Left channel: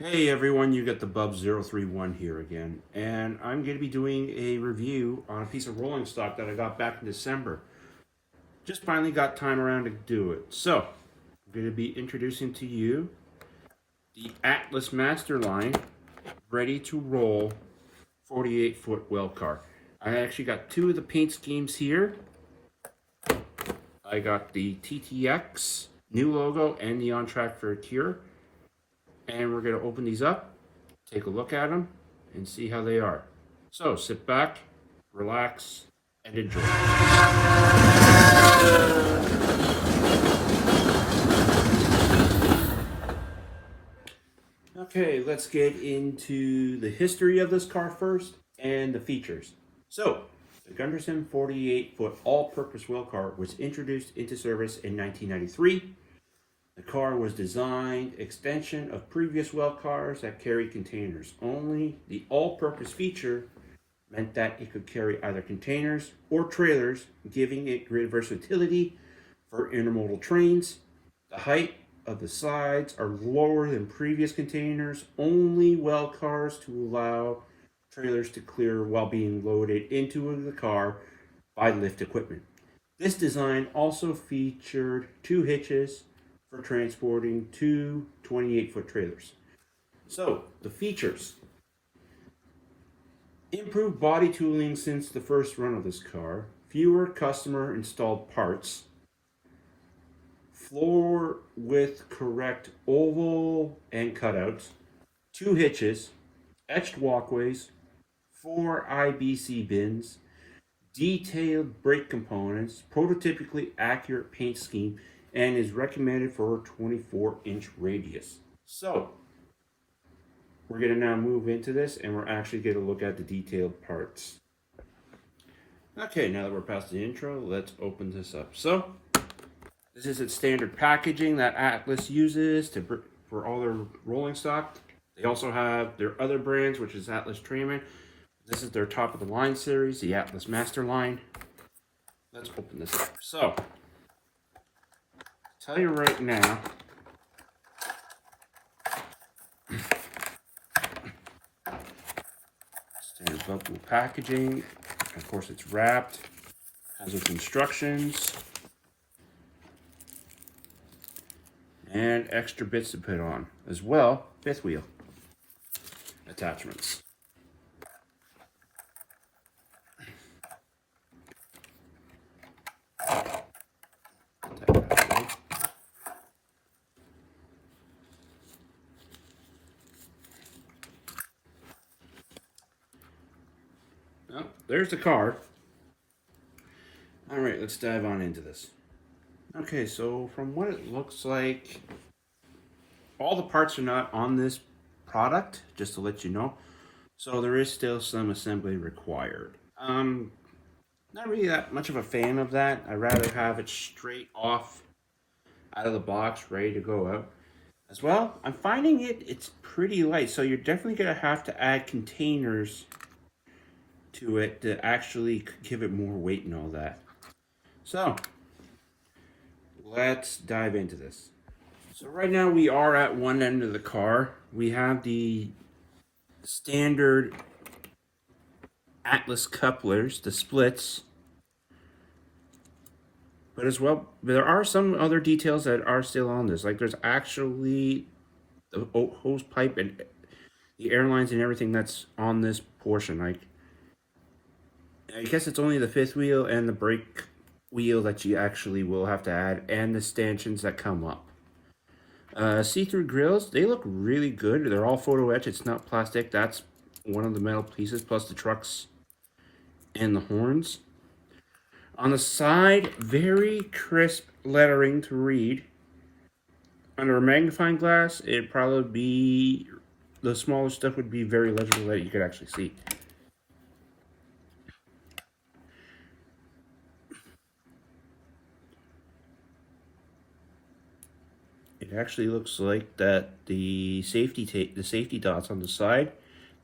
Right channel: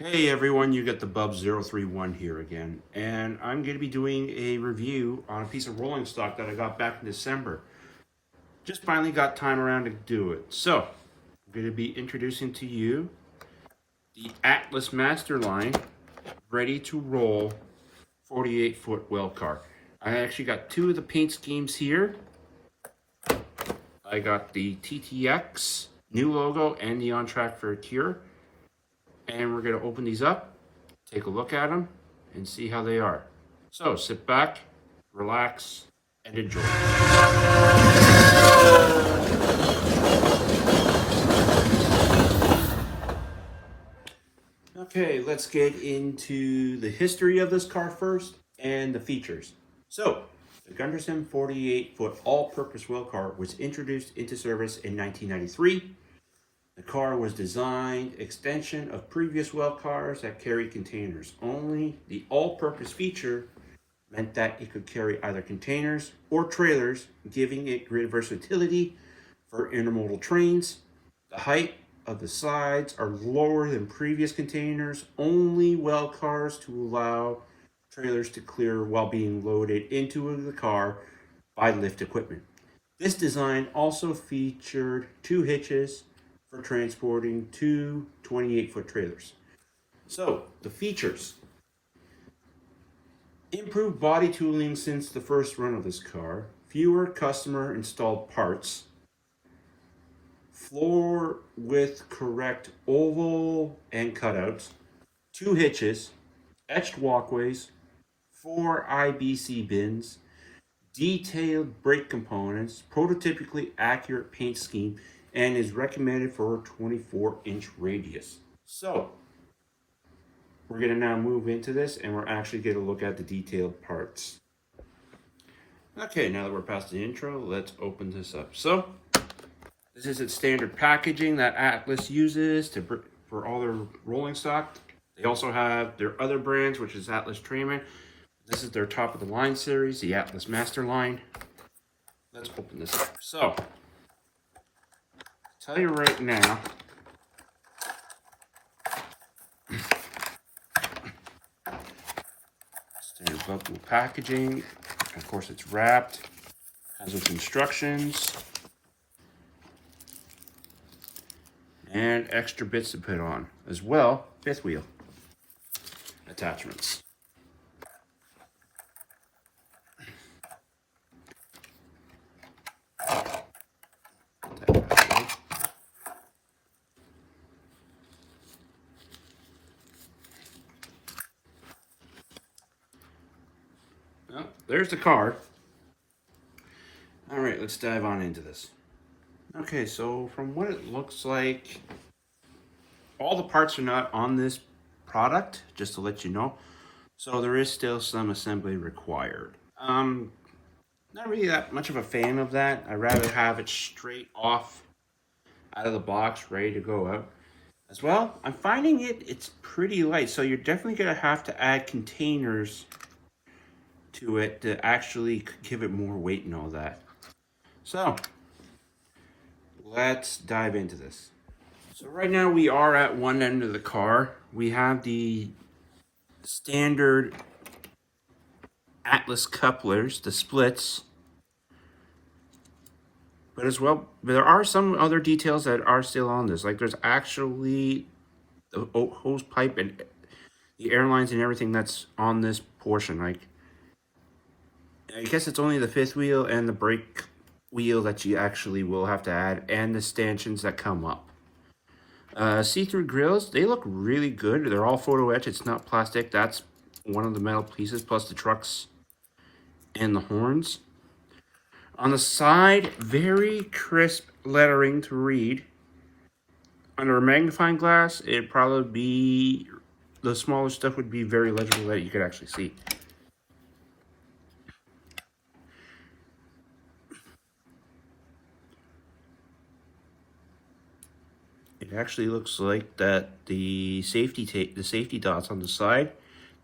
Hey everyone, you got the Bub031 here again, and I'm going to be doing a review on a piece of rolling stock that I got back in December. Just finally got time around to do it. So, I'm going to be introducing to you the Atlas Master Line Ready to Roll 48-foot well car. I actually got two of the paint schemes here. I got the TTX new logo and the On Track for a Cure. And we're going to open these up, take a look at them, and see how they are. So sit back, relax, and enjoy. Okay, let's get into the history of this car first and the features. So, the Gunderson 48-foot all-purpose rail car was introduced into service in 1993. The car was designed extension of previous well cars that carried containers only. The all-purpose feature meant that it could carry either containers or trailers, giving it great versatility for intermodal trains. The height of the sides are lower than previous containers, only well cars to allow trailers to clear while being loaded into the car by lift equipment. This design also featured two hitches for transporting two 28-foot trailers. So, the features. Improved body tooling since the first run of this car, fewer customer installed parts, floor with correct oval and cutouts, two hitches, etched walkways, four IBC bins, detailed brake components, prototypically accurate paint scheme, and is recommended for a 24-inch radius. So, we're going to now move into this and we're actually going to look at the detailed parts. Okay, now that we're past the intro, let's open this up. So, this is its standard packaging that Atlas uses for all their rolling stock. They also have their other brands, which is Atlas Trayman. This is their top of the line series, the Atlas Master Line. Let's open this up. So, tell you right now, standard buckle packaging. Of course, it's wrapped. Has its instructions and extra bits to put on, as well fifth wheel attachments. There's the car. All right, let's dive on into this. Okay, so from what it looks like, all the parts are not on this product, just to let you know. So there is still some assembly required. Not really that much of a fan of that. I'd rather have it straight off out of the box, ready to go out. As well, I'm finding it's pretty light, so you're definitely gonna have to add containers to it to actually give it more weight and all that. So, let's dive into this. So right now we are at one end of the car. We have the standard Atlas couplers, the splits. But as well, there are some other details that are still on this. Like there's actually the hose pipe and the airlines and everything that's on this portion. Like, I guess it's only the fifth wheel and the brake wheel that you actually will have to add, and the stanchions that come up. See-through grills, they look really good. They're all photo etch. It's not plastic. That's one of the metal pieces, plus the trucks and the horns. On the side, very crisp lettering to read. Under a magnifying glass, it'd probably be, the smaller stuff would be very legible that you could actually see. It actually looks like that the safety dots on the side,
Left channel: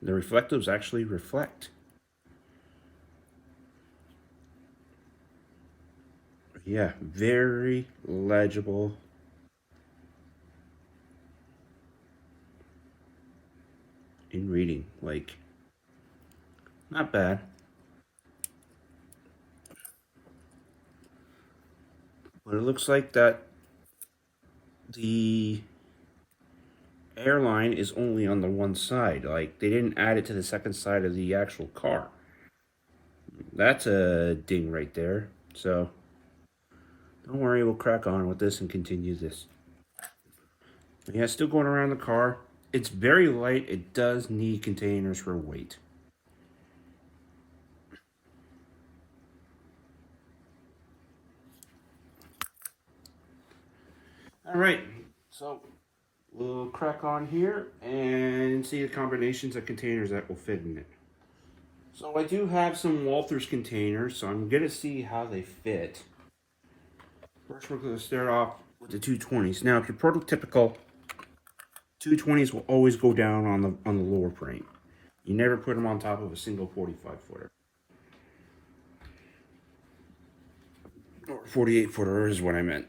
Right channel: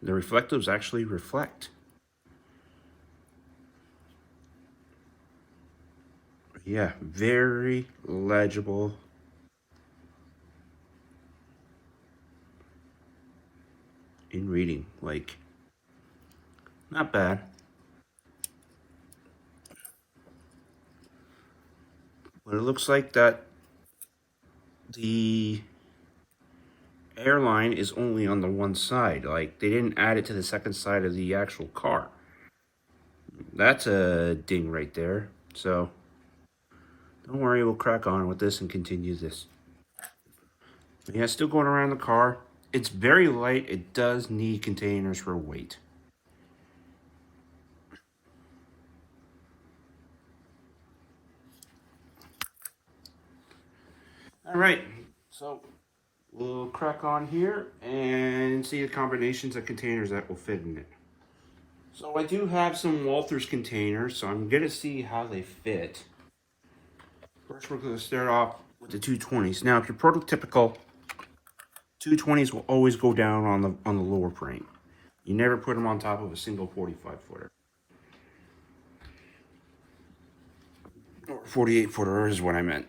the reflectives actually reflect. Yeah, very legible. in reading. Like, not bad. But it looks like that the airline is only on the one side. Like, they didn't add it to the second side of the actual car. That's a ding right there. So, don't worry, we'll crack on with this and continue this. Yeah, still going around the car. It's very light. It does need containers for weight. All right, so we'll crack on here and see the combinations of containers that will fit in it. So I do have some Walthers containers, so I'm gonna see how they fit. First, we're gonna start off with the 220s. Now, if your prototypical 220s will always go down on the lower frame. You never put them on top of a single 45 footer. Or 48 footer is what I meant.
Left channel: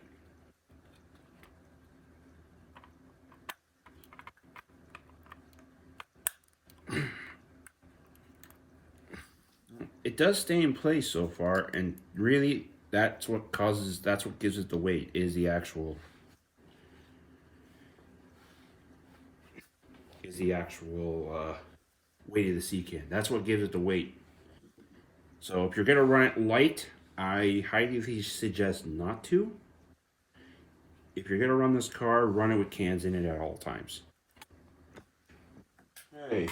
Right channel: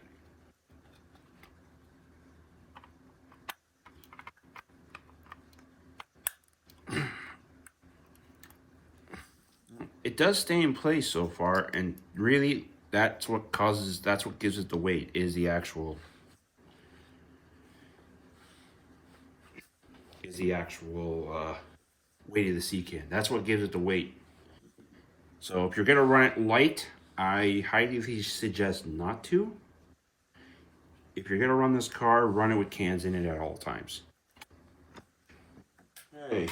It does stay in place so far, and really that's what gives it the weight, is the actual weight of the sea can. That's what gives it the weight. So if you're gonna run it light, I highly suggest not to. If you're gonna run this car, run it with cans in it at all times. Hey,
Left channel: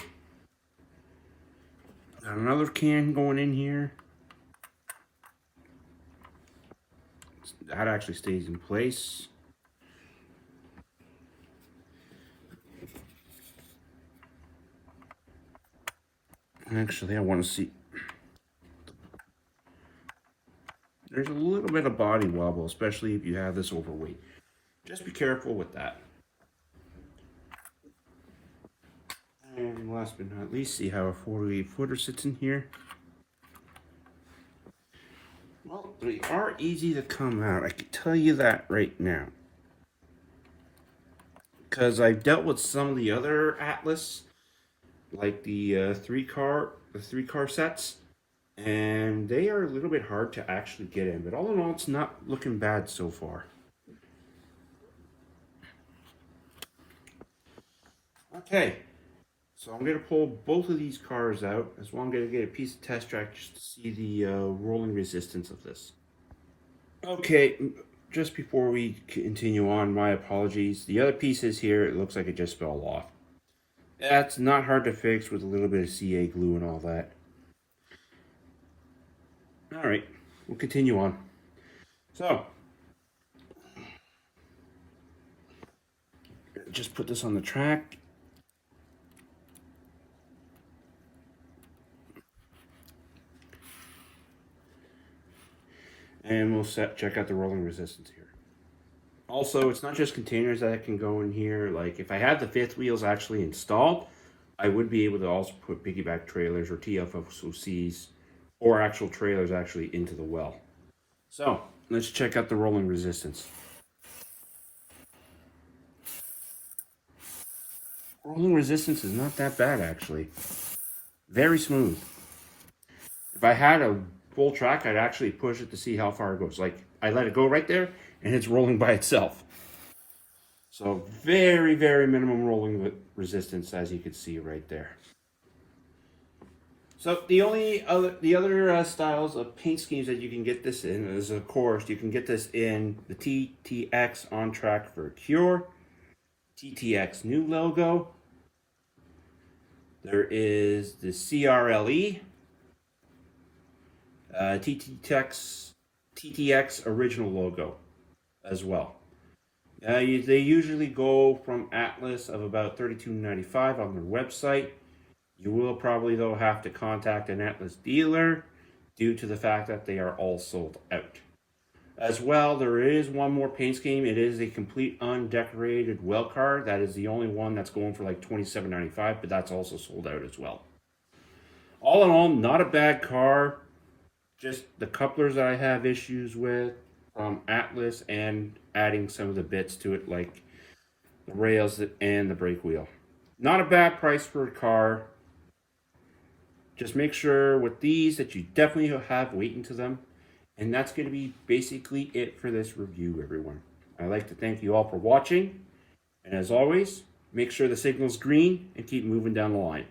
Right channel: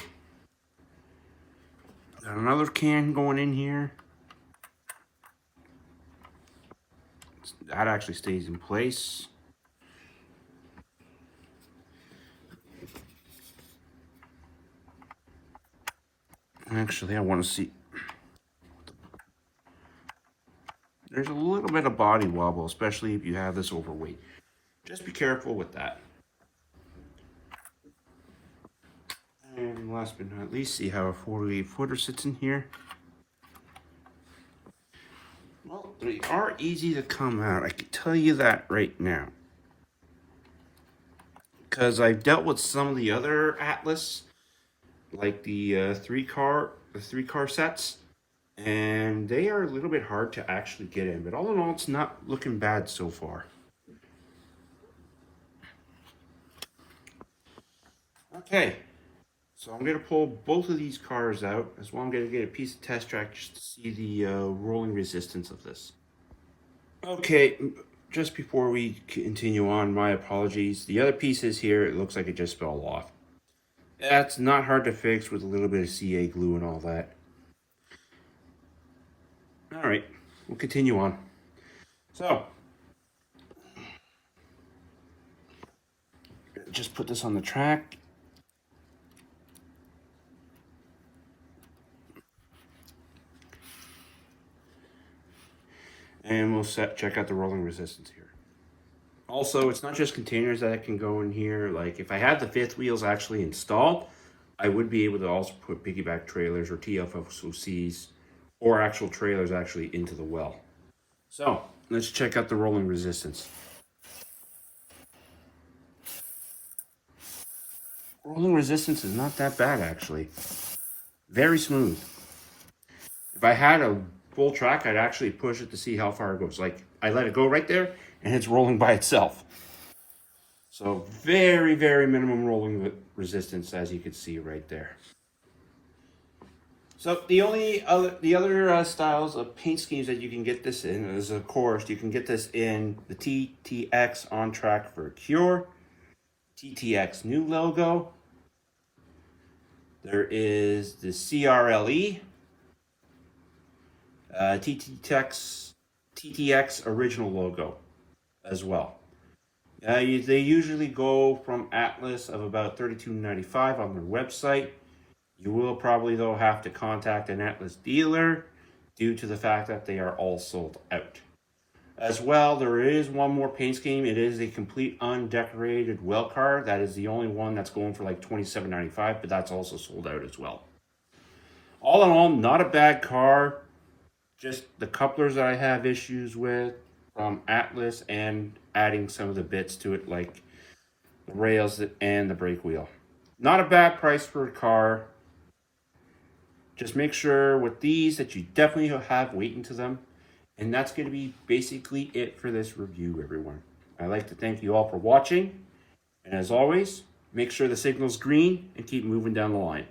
got another can going in here. That actually stays in place. Actually, I want to see. There's a little bit of body wobble, especially if you have this overweight. Just be careful with that. And last but not least, see how a 48 footer sits in here. Well, they are easy to come out. I can tell you that right now. Because I've dealt with some of the other Atlas, like the three car sets, and they are a little bit hard to actually get in. But all in all, it's not looking bad so far. Okay, so I'm going to pull both of these cars out, as well. I'm going to get a piece of test track just to see the rolling resistance of this. Okay, just before we continue on, my apologies. The other pieces here, it looks like it just fell off. That's not hard to fix with a little bit of CA glue and all that. All right, we'll continue on. So, just put this on the track. And we'll check out the rolling resistance here. Also, it's not just containers that can go in here. Like, if I had the fifth wheels actually installed, I would be able to also put piggyback trailers or TFSOCs or actual trailers actually into the well. So, let's check out the rolling resistance. Rolling resistance is not that bad, actually. Very smooth. If I had a full track, I'd actually push it to see how far it goes. Like, I let it go right there, and it's rolling by itself. So very, very minimum rolling resistance, as you can see right there. So the other styles of paint schemes that you can get this in is, of course, you can get this in the TTX On Track for Cure, TTX new logo. There is the CRLE, TTX original logo as well. They usually go from Atlas of about $32.95 on their website. You will probably, though, have to contact an Atlas dealer due to the fact that they are all sold out. As well, there is one more paint scheme. It is a complete undecorated well car. That is the only one that's going for like $27.95, but that's also sold out as well. All in all, not a bad car. Just the couplers that I have issues with from Atlas, and adding some of the bits to it, like the rails and the brake wheel. Not a bad price for a car. Just make sure with these that you definitely have weight into them. And that's going to be basically it for this review, everyone. I'd like to thank you all for watching. And as always, make sure the signal's green and keep moving down the line.